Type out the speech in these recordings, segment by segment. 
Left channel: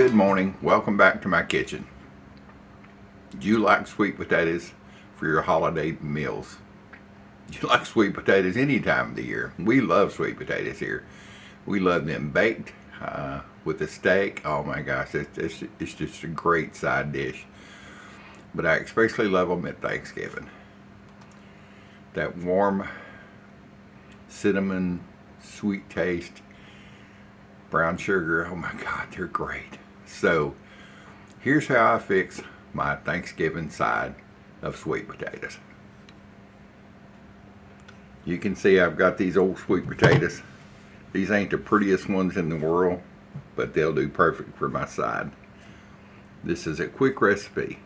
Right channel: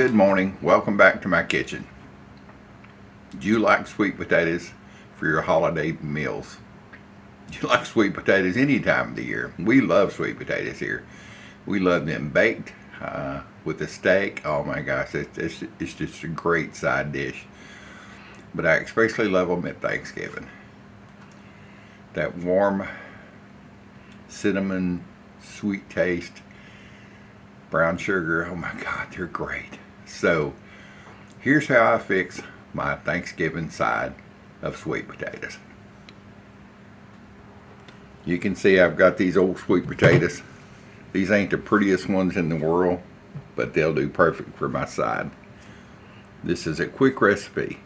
Good morning. Welcome back to my kitchen. Do you like sweet potatoes for your holiday meals? Do you like sweet potatoes any time of the year? We love sweet potatoes here. We love them baked with a steak. Oh my gosh, it's just a great side dish. But I especially love them at Thanksgiving. That warm cinnamon sweet taste, brown sugar, oh my God, they're great. So here's how I fix my Thanksgiving side of sweet potatoes. You can see I've got these old sweet potatoes. These ain't the prettiest ones in the world, but they'll do perfect for my side. This is a quick recipe.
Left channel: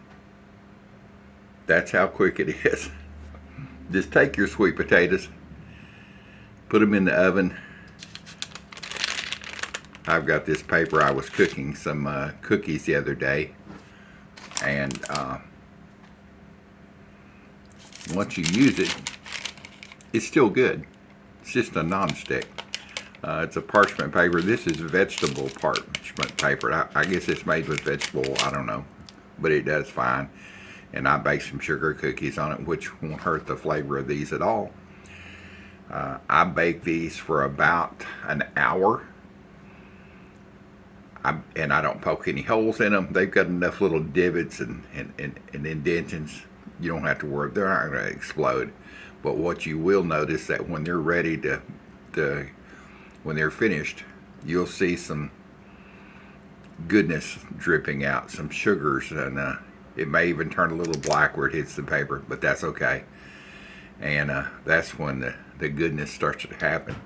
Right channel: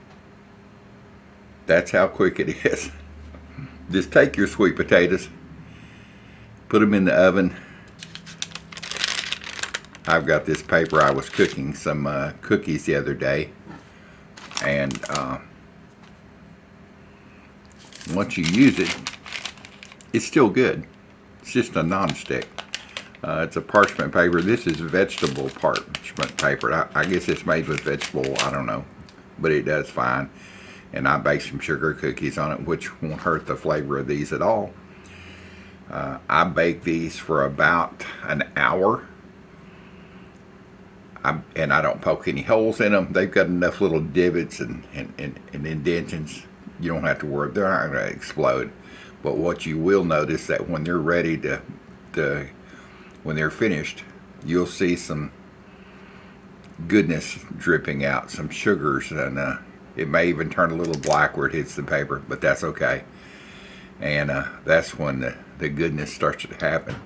That's how quick it is. Just take your sweet potatoes, put them in the oven. I've got this paper. I was cooking some cookies the other day, and once you use it, it's still good. It's just a non-stick. It's a parchment paper. This is vegetable parchment paper. I guess it's made with vegetable, I don't know, but it does fine. And I baked some sugar cookies on it, which won't hurt the flavor of these at all. I baked these for about an hour. And I don't poke any holes in them. They've got enough little divots and indentions. You don't have to worry. They're not going to explode. But what you will notice that when they're ready when they're finished, you'll see some goodness dripping out, some sugars, and it may even turn a little black where it hits the paper, but that's okay. And that's when the goodness starts to happen.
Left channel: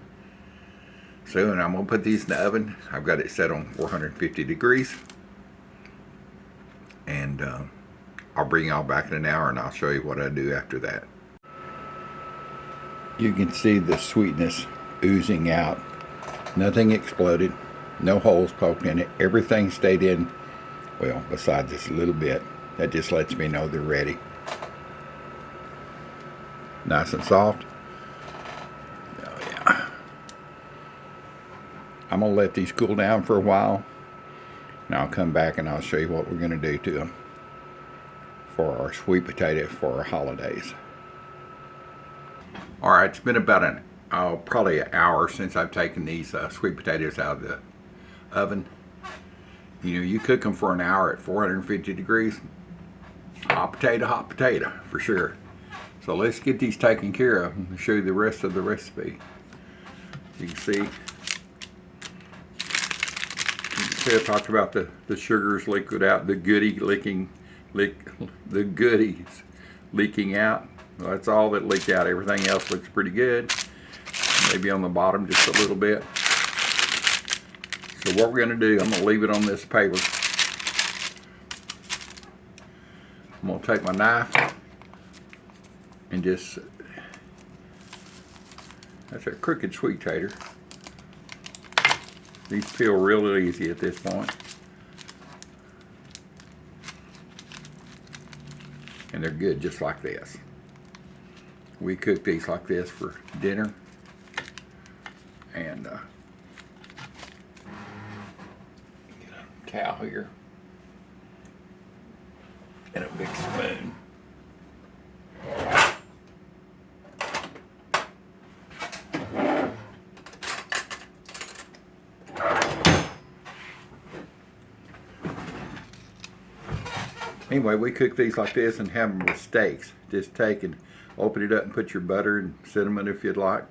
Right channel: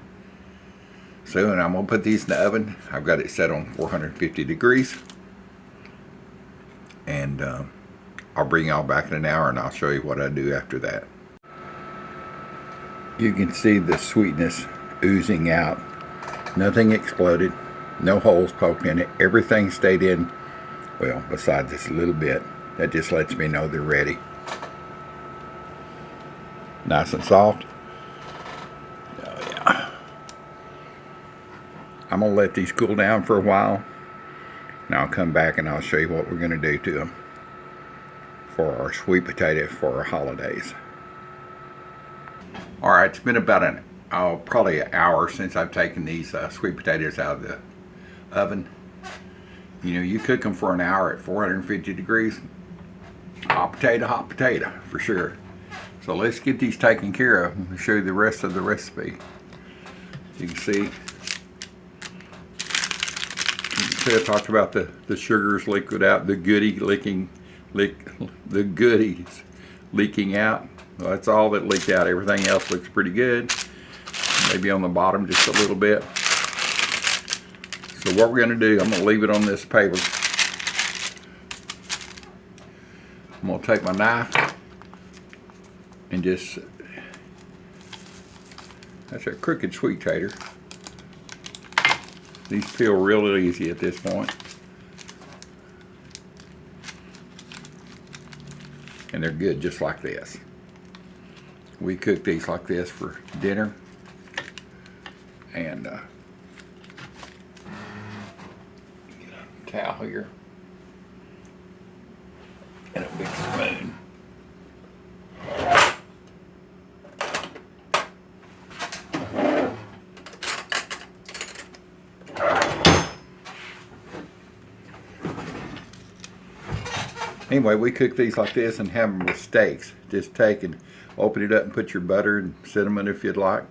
So, and I'm going to put these in the oven. I've got it set on 450 degrees. And I'll bring y'all back in an hour and I'll show you what I do after that. You can see the sweetness oozing out. Nothing exploded. No holes poked in it. Everything stayed in, well, besides this little bit. That just lets me know they're ready. Nice and soft. Oh yeah. I'm going to let these cool down for a while, and I'll come back and I'll show you what we're going to do to them for our sweet potato for our holidays. Alright, it's been about probably an hour since I've taken these sweet potatoes out of the oven. You know, you cook them for an hour at 450 degrees. Hot potato, for sure. So let's get these taken care of and show you the rest of the recipe. You can see I talked about the sugars liquid out, the goodies leaking out. Well, that's all that leaked out. Everything else looks pretty good. Maybe on the bottom just a little bit. So what we're going to do, I'm going to leave it on this paper. I'm going to take my knife and just, that's a crooked sweet tater. These peel real easy at this point. And they're good just like this. We cook these like this for dinner. And get a towel here. And a big spoon. Anyway, we cook these like this and have them with steaks. Just take and open it up and put your butter and cinnamon if you'd like.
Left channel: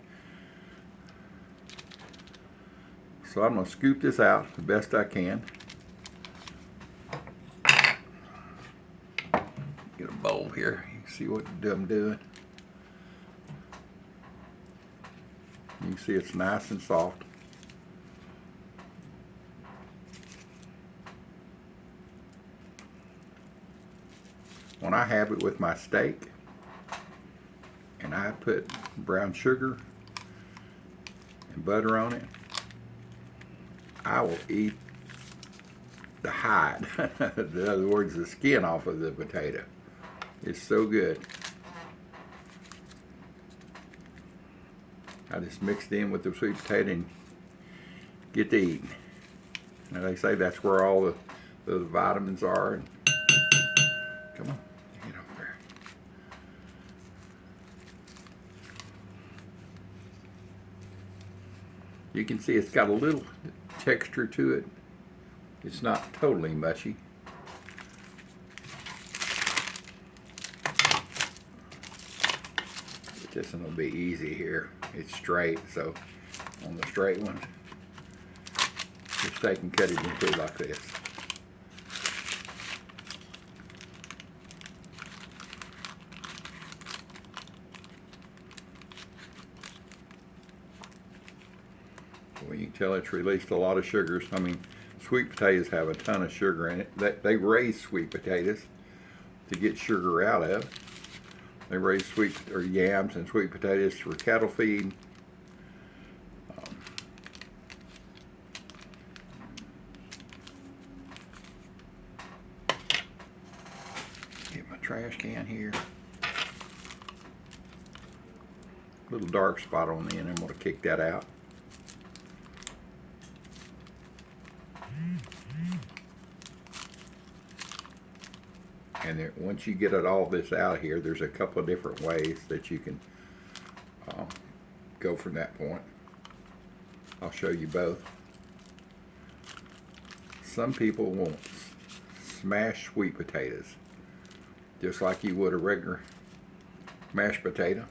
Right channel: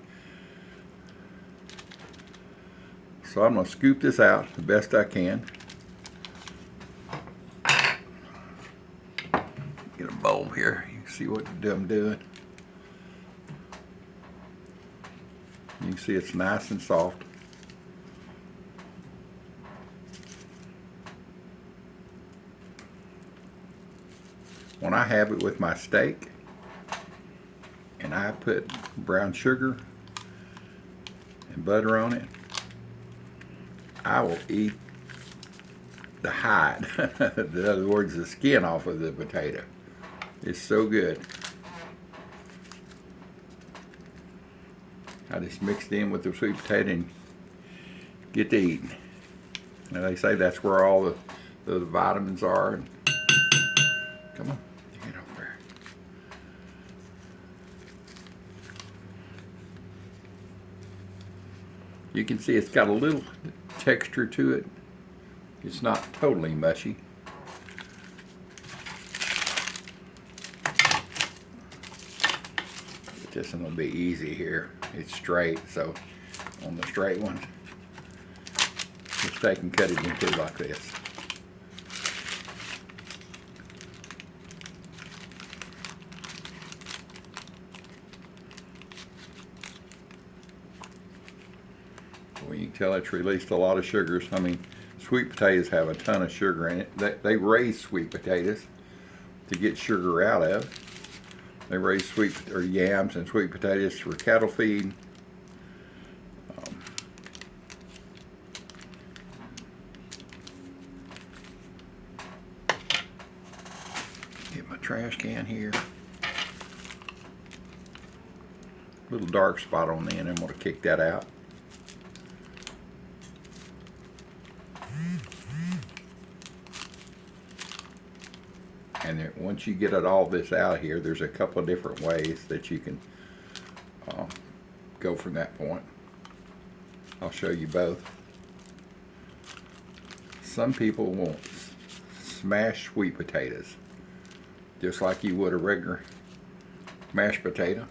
So I'm going to scoop this out the best I can. Get a bowl here. You can see what I'm doing. You can see it's nice and soft. When I have it with my steak and I put brown sugar and butter on it, I will eat the hide. In other words, the skin off of the potato. It's so good. I just mixed in with the sweet potato and get to eating. And they say that's where all the vitamins are. And come on, get over there. You can see it's got a little texture to it. It's not totally mushy. But this one will be easy here. It's straight, so on the straight one, just take and cut it in two like this. Well, you can tell it's released a lot of sugars. I mean, sweet potatoes have a ton of sugar in it. They raise sweet potatoes to get sugar out of. They raise yams and sweet potatoes for cattle feed. Get my trash can here. Little dark spot on the end. I'm going to kick that out. And there, once you get all this out here, there's a couple of different ways that you can go from that point. I'll show you both. Some people want smashed sweet potatoes, just like you would a regular mashed potato.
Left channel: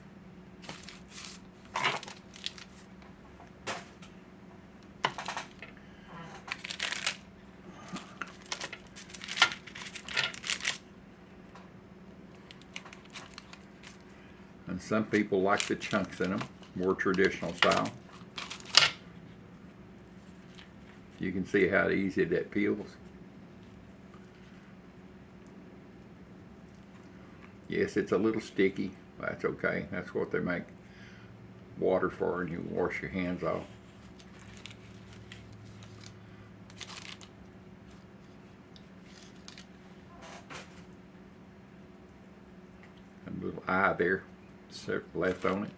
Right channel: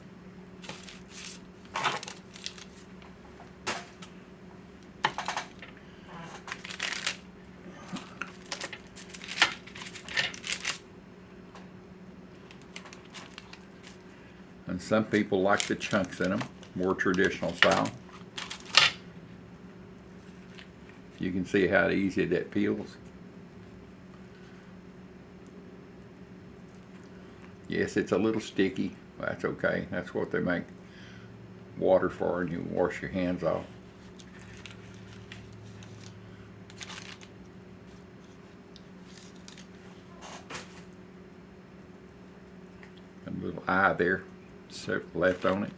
And some people like the chunks in them, more traditional style. You can see how easy that peels. Yes, it's a little sticky. That's okay. That's what they make water for, and you wash your hands off. And a little eye there, left on it.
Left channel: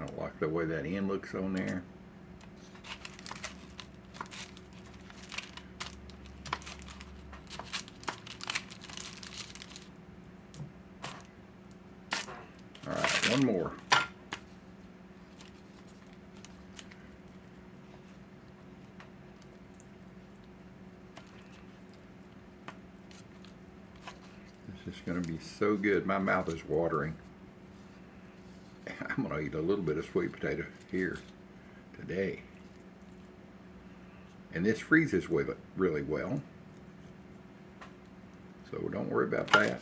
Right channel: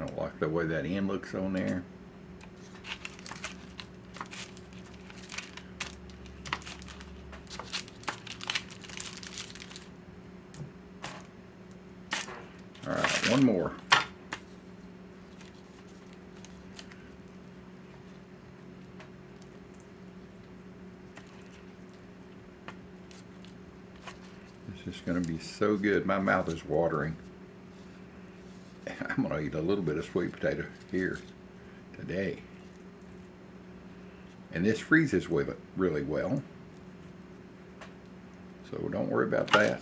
I don't like the way that end looks on there. All right, one more. This is going to be so good. My mouth is watering. I'm going to eat a little bit of sweet potato here today. And this freezes really well. So don't worry about that.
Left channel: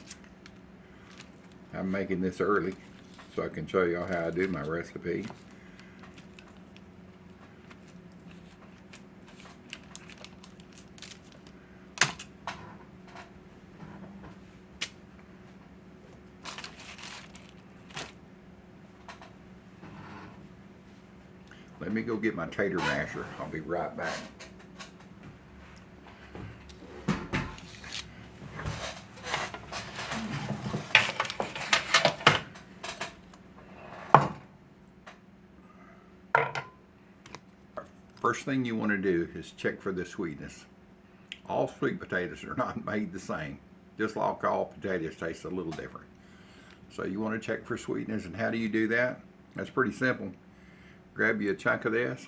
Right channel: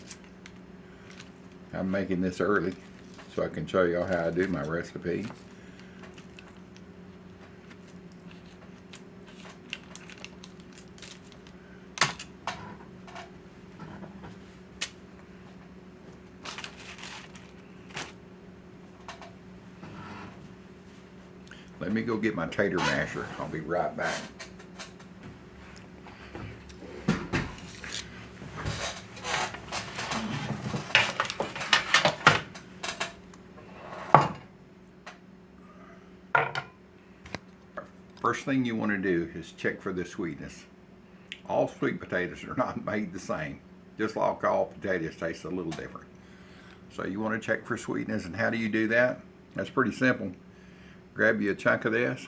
I'm making this early so I can show y'all how I do my recipe. Let me go get my tater masher. I'll be right back. First thing you want to do is check for the sweetness. All sweet potatoes are not made the same. Just like all potatoes taste a little different. So you want to check for sweetness, and how do you do that? That's pretty simple. Grab you a chunk of this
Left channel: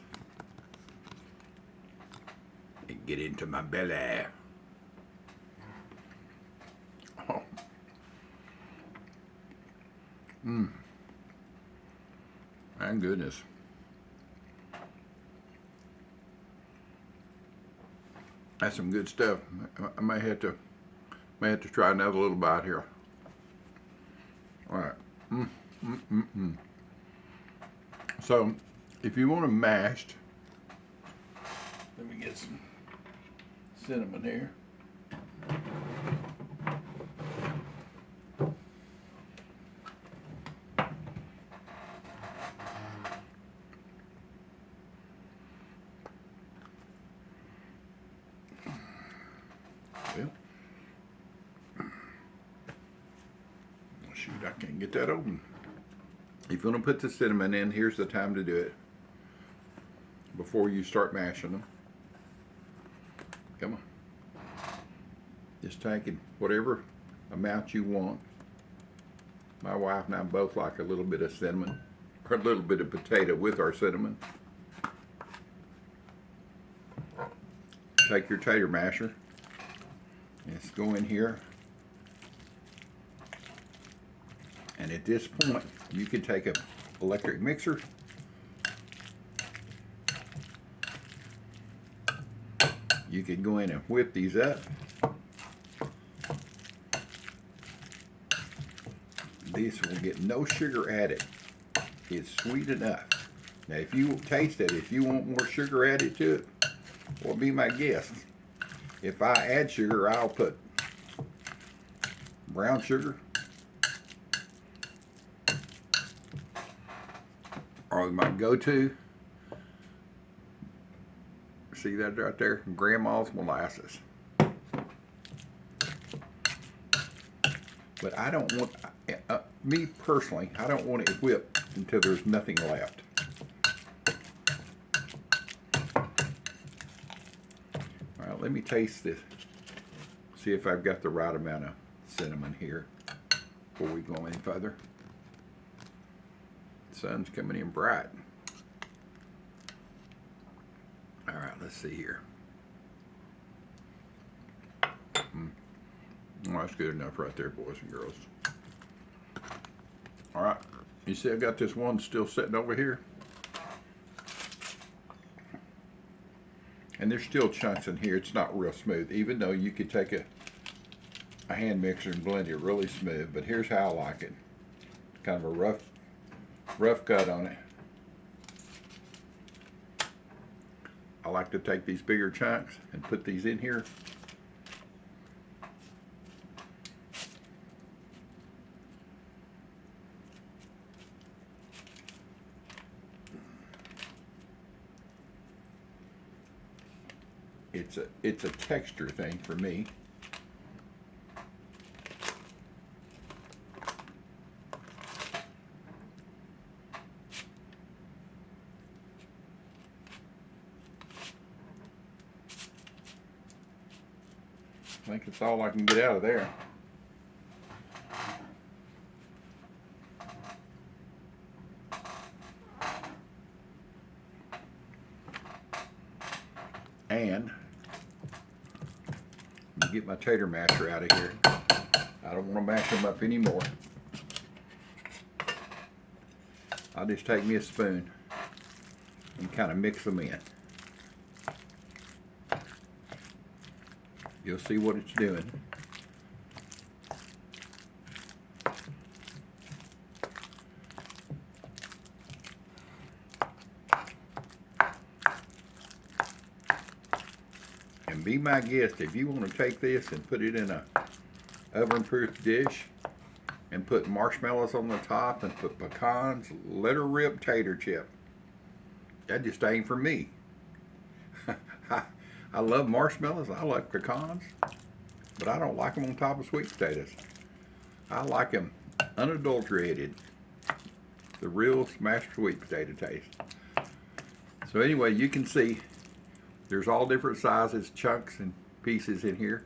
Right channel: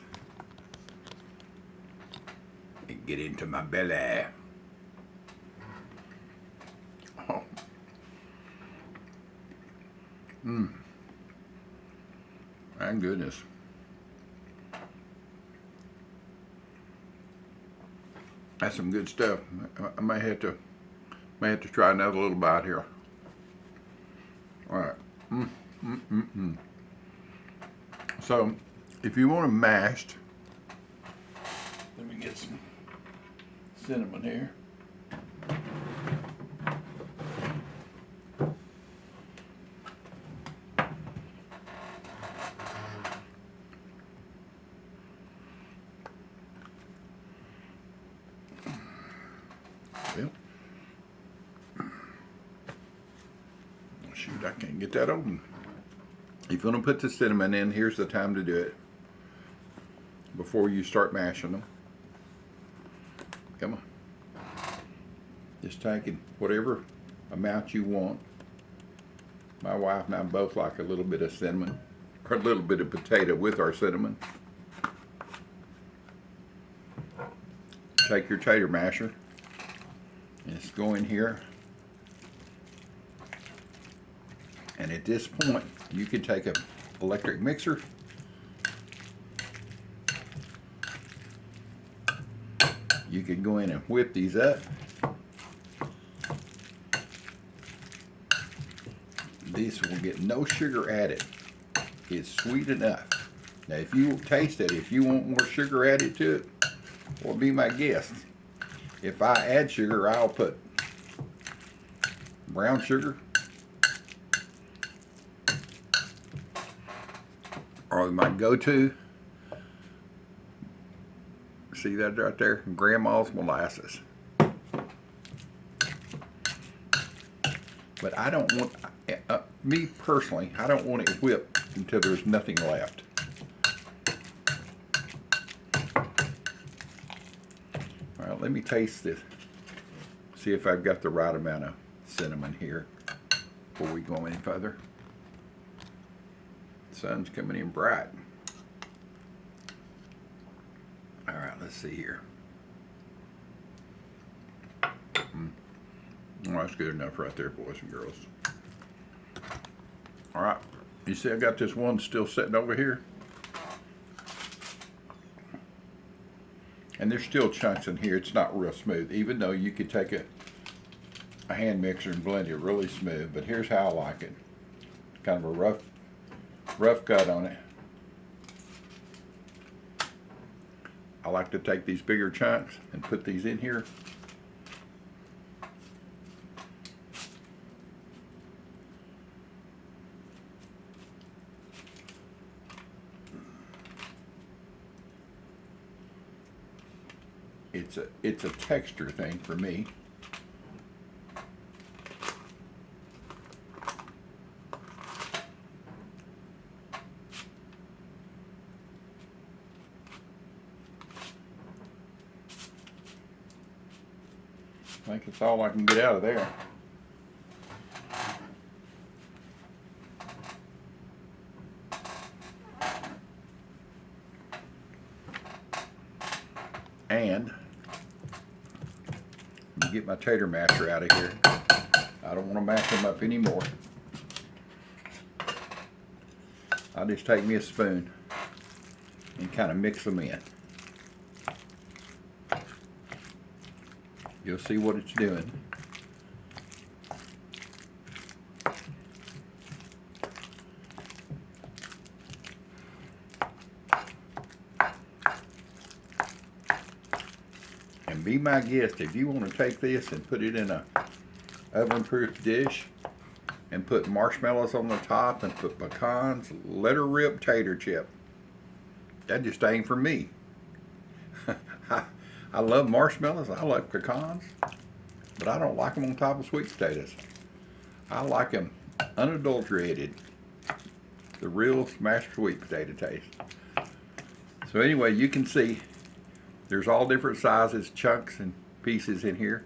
and get into my belly. Oh. My goodness. That's some good stuff. I may have to try another little bite here. All right. So, if you want them mashed, let me get some cinnamon here. Shoot, I can't get that open. If you're going to put the cinnamon in, here's the time to do it. Before you start mashing them. Come on. Just taking whatever amount you want. My wife and I both like a little bit of cinnamon, or a little bit of potato with our cinnamon. Take your tater masher and just go in here. And at this point, you can take an electric mixer. You can go in and whip these up. This will get no sugar added. It's sweet enough. Now, if you taste it, if you want more sugar added to it, well, be my guest. If I add sugar, I'll put brown sugar, or my go-to. See that right there? Grandma's molasses. But I don't want, me personally, I don't want it whipped until there's nothing left. All right, let me taste this. See if I've got the right amount of cinnamon here before we go any further. The sun's coming in bright. All right, let's see here. Well, that's good enough right there, boys and girls. All right, you see I got this one still sitting over here. And there's still chunks in here. It's not real smooth, even though you could take a hand mixer and blend it really smooth. But here's how I like it. Kind of a rough cut on it. I like to take these bigger chunks and put these in here. It's a texture thing for me. I think it's all I can get out of there. And let me get my tater masher out of here. I don't want to mash them up anymore. I'll just take me a spoon and kind of mix them in. You'll see what it's doing. And be my guest, if you want to take this and put it in a oven-proof dish and put marshmallows on the top and put pecans, let her rip tater chip. That just ain't for me. I love marshmallows, I like pecans, but I don't like them on top of sweet potatoes. I like them unadulterated, the real smashed sweet potato taste. So anyway, you can see there's all different sizes, chunks and pieces in here.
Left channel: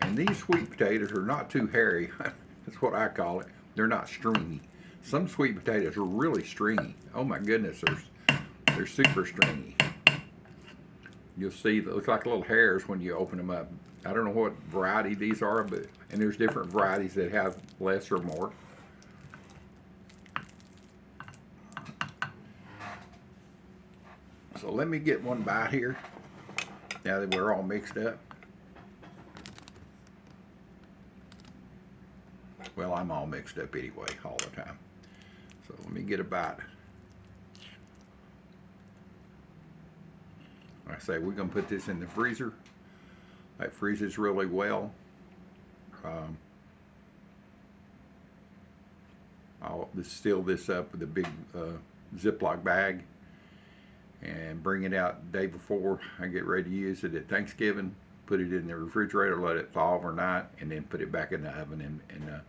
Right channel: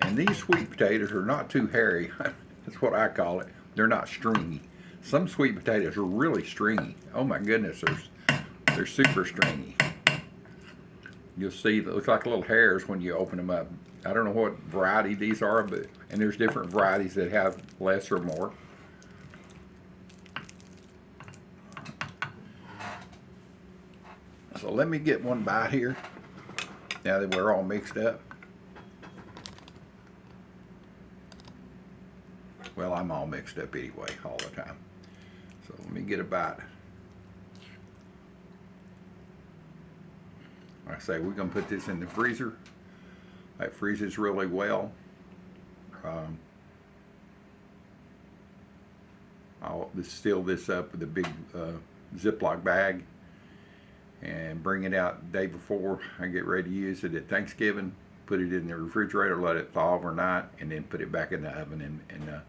And these sweet potatoes are not too hairy. That's what I call it. They're not stringy. Some sweet potatoes are really stringy. Oh my goodness, they're super stringy. You'll see they look like little hairs when you open them up. I don't know what variety these are, and there's different varieties that have less or more. So let me get one bite here, now that we're all mixed up. Well, I'm all mixed up anyway, all the time. So let me get a bite. Like I say, we're gonna put this in the freezer. That freezes really well. I'll seal this up with a big Ziploc bag and bring it out the day before I get ready to use it at Thanksgiving. put it in the refrigerator, let it thaw overnight, and then put it back in the oven and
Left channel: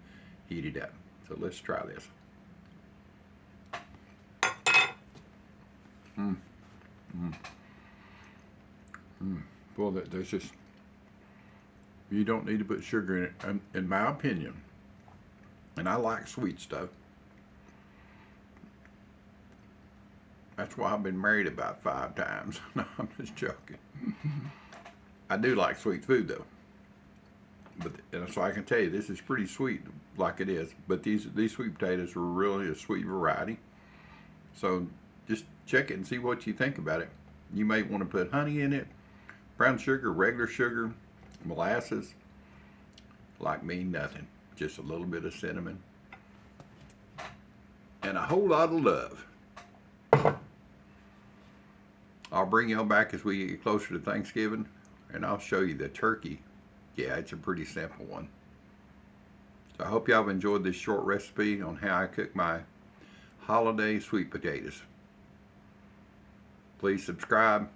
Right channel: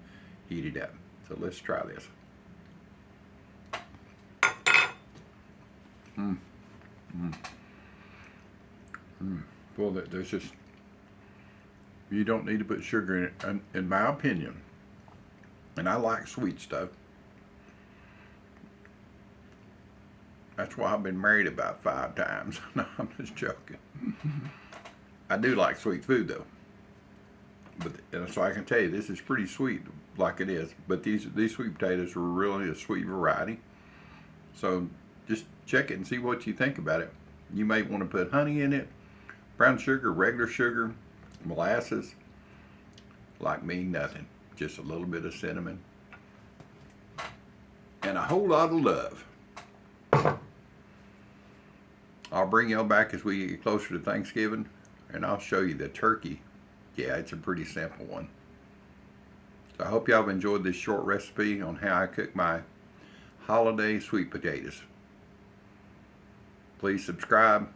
heat it up. So let's try this. Well, there's just, you don't need to put sugar in it, in my opinion. And I like sweet stuff. That's why I've been married about 5 times. No, I'm just joking. I do like sweet food though. But so I can tell you, this is pretty sweet, like it is. But these sweet potatoes are really a sweet variety. So just check it and see what you think about it. You may want to put honey in it, brown sugar, regular sugar, molasses. Like me, nothing. Just a little bit of cinnamon and a whole lot of love. I'll bring y'all back as we get closer to Thanksgiving, and I'll show you the turkey. Yeah, it's a pretty simple one. So I hope y'all have enjoyed this short recipe on how I cook my holiday sweet potatoes. Please subscribe.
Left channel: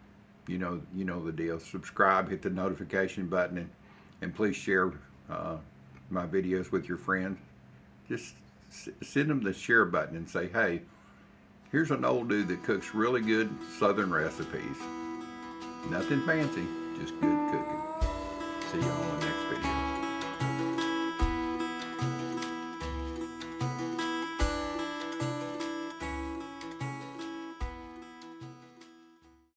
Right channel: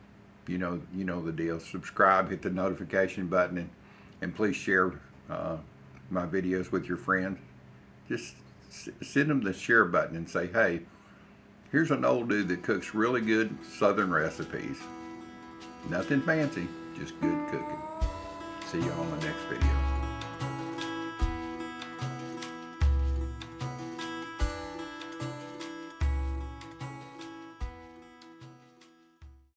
You know the deal. Subscribe, hit the notification button, and please share my videos with your friends. Just send them the share button and say, hey, here's an old dude that cooks really good Southern recipes. Nothing fancy, just good cooking. See you on the next video.